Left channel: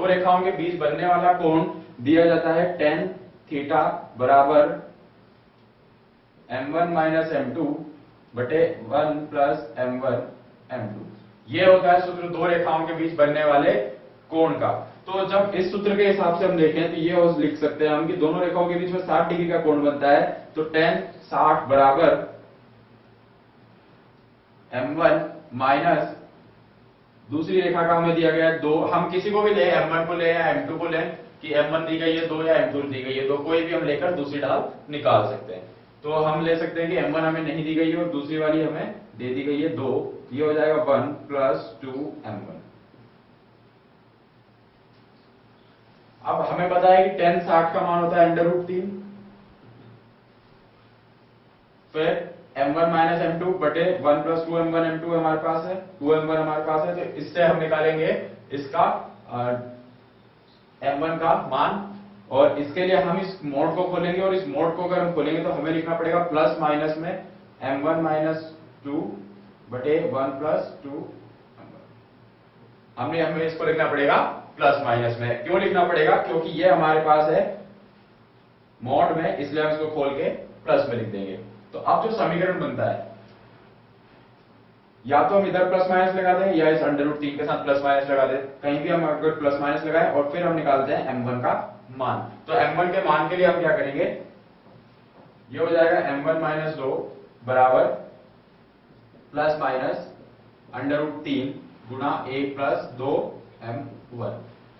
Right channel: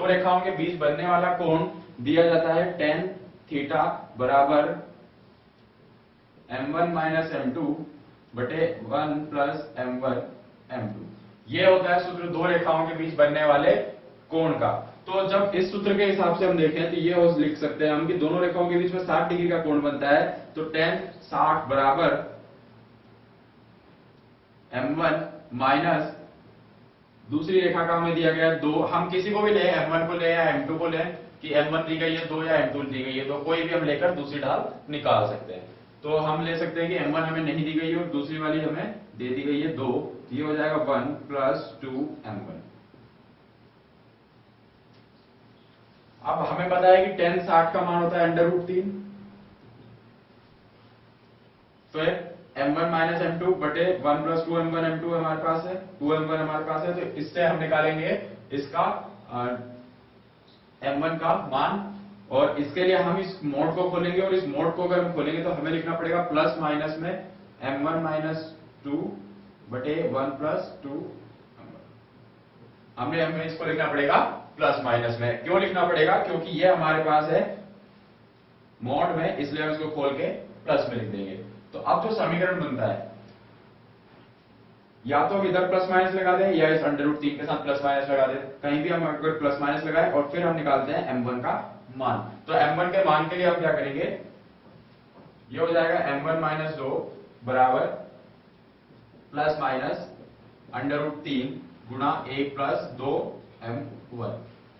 दो रेखाओं के बीच बनने वाला कोण दिया जाता है tan थीटा बराबर m1 माइनस m2 बटे 1 प्लस m1 m2। ये होता है सूत्र दो रेखाओं के बीच बनने वाले कोण का। तो जब इस सूत्र के हिसाब से हम देखें तो ये लिख सकते हैं हम कि दोनों रेखाओं के बीच में 60 डिग्री का कोण बनता है। तो tan 60 बराबर m1 माइनस दूसरी रेखा का हमें दिया गया है 2, हम किसी को भी लें, m1 को लें या m2 को लें कि m1 दी गई है 2 या m2 दी गई है 2, कोई भी हम लेकर दूसरी ढाल निकाल सकते हैं। तो हम ले सकते हैं कि m1 हमें नहीं दी गई है और दूसरी वाली हमें दे दी गई है 2, ये हो जाएगा 1 प्लस 2m1। अब हमें पता है कि tan 60 का मान होता है √3, फिर m1 माइनस m2 बटे 1 प्लस 2m1 m2 हमारे पास है, 2m1 हमारे पास है। तो इससे हम निकालेंगे इसका m1 का मान, और इसके लिए हम इस मोड को खोलेंगे, और इस मोड को अगर हम खोलेंगे तो हमें लिखना पड़ेगा प्लस माइनस में m1 माइनस 2 बटे 1 प्लस 2m1। हमें इसको लिखना पड़ेगा प्लस माइनस में। क्यों लिखना पड़ेगा? क्योंकि ये हमारे पास है मोड में, इसलिए हम इसको खोल के प्लस में लिख देंगे। तो अब जो समीकरण बनता है, या तो हम इधर प्लस माइनस लगा दें या इस √3 के साथ प्लस माइनस लगा दें, कहीं भी हम अगर प्लस माइनस लगाएं और फिर हम निकालते हैं m1 का मान। तो m1 के मान के लिए हम क्या करेंगे, ये हो जाएगा m1 माइनस 2 बराबर प्लस माइनस √3 गुणा 1 प्लस 2m1।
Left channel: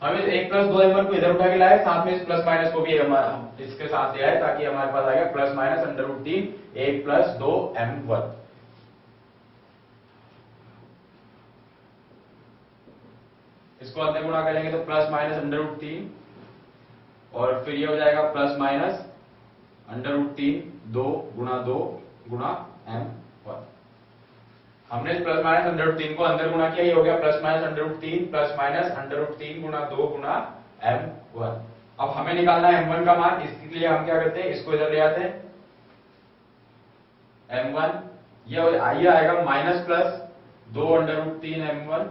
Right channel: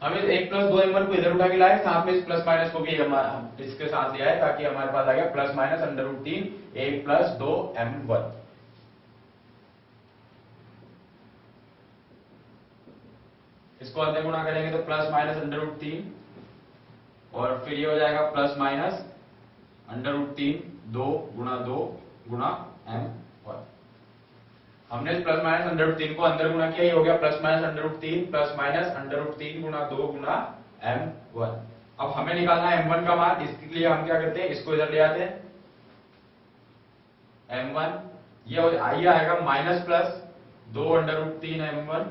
हम इस 1 प्लस 2m1 को इधर उठा के लाए, साथ में इस प्लस माइनस को भी हम इसके साथ ले आए, ताकि हमारे पास आ गया प्लस माइनस √3 1 प्लस 2m1। इसको अंदर गुणा करेंगे तो प्लस माइनस √3, और फिर ये हो जाएगा प्लस माइनस √3 2 गुणा m1। हमने इस प्लस माइनस √3 को अंदर गुणा किया, ये हो गया प्लस माइनस √3 प्लस माइनस √3 गुणा 2 गुणा m1। अब हमें निकालना है m1 का मान, इसके लिए हम क्या करते हैं, इसको इधर ले आते हैं m1, ये आएगा माइनस प्लस 2 √3 m1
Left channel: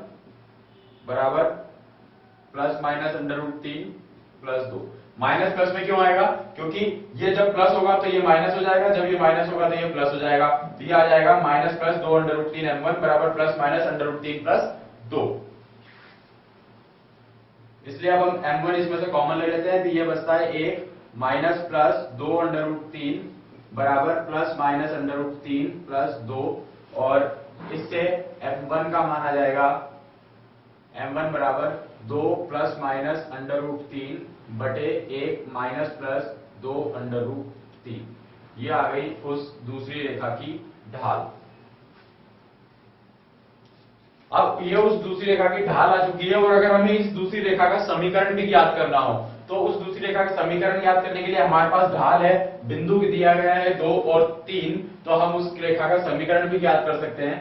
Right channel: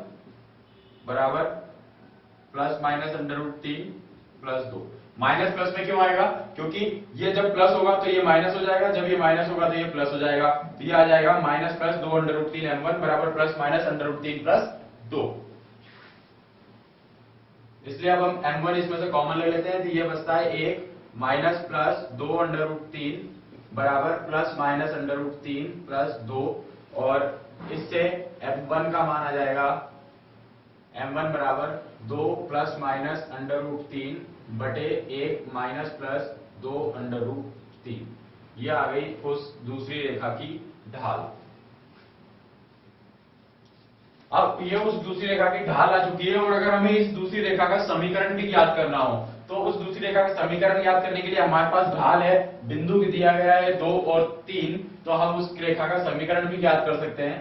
बराबर plus minus √3 plus 2। Minus plus में क्यों आएगा? क्योंकि ये जब प्लस होगा तो ये माइनस हो जाएगा, जब ये माइनस होगा तो ये प्लस हो जाएगा। तो ये आ जाएगा माइनस प्लस 2 √3 m1 बराबर प्लस माइनस √3 प्लस 2। इसलिए अब हम m1 इसमें से कॉमन ले लेते हैं, तो ये बचता है 1 माइनस प्लस 2 √3 बराबर प्लस माइनस √3 प्लस 2, और इससे m1 का मान आ जाएगा m1 बराबर 2 प्लस माइनस √3 बटे 1 माइनस प्लस 2 √3। ये आ गई उस दूसरी रेखा की ढाल। अब ये उस दूसरी रेखा की ढाल आ चुकी है, और अगर हमें इस दूसरी रेखा का समीकरण भी ज्ञात करना हो तो उस दूसरी रेखा का समीकरण ज्ञात करने के लिए हमारे पास ढाल है, बिंदु दिया गया है 2 और 3, तो हम उस रेखा का समीकरण भी ज्ञात कर सकते हैं।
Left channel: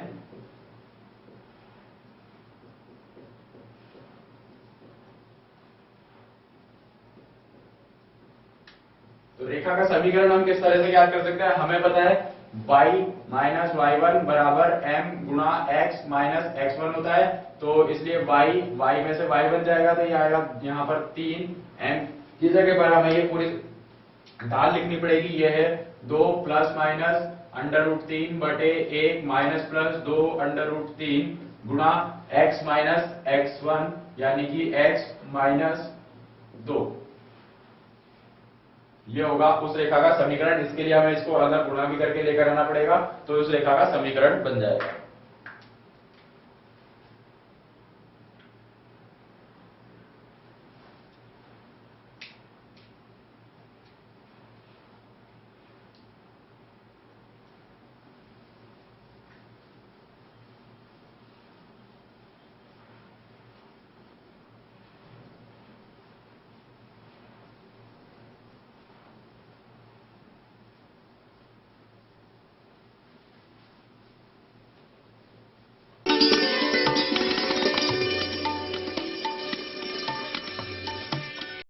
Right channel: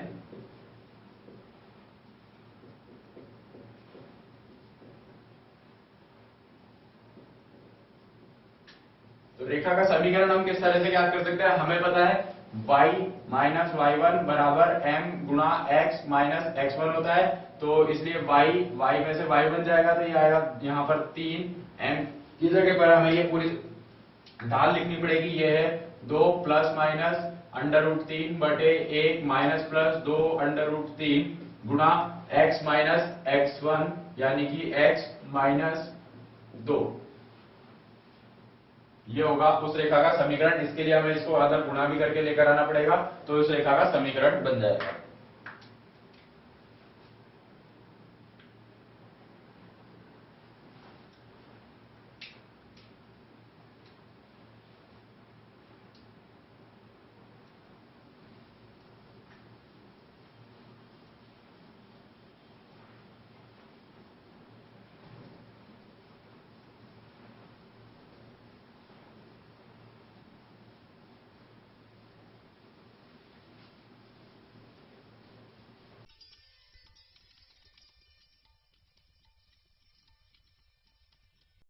तो रेखा का समीकरण हम किस तरह से ज्ञात कर सकते हैं? हमें पता है y माइनस y1 बराबर m गुणा x माइनस x1 होता है, तो इसलिए y में से y बन जाएगा, तो ये आएगा यहाँ पर 3m की जगह पर हमें ये पूरी ढाल लिखनी पड़ेगी। ये है 2 प्लस माइनस √3 बटे 1 माइनस प्लस 2 √3 गुणा x माइनस x1 यानी कि x माइनस 2। ये होगा उस रेखा का समीकरण। इसके लिए हमें इसको अगर गुणा भी करके लेकर आना पड़ेगा, तो उस रेखा का समीकरण बन जाएगा।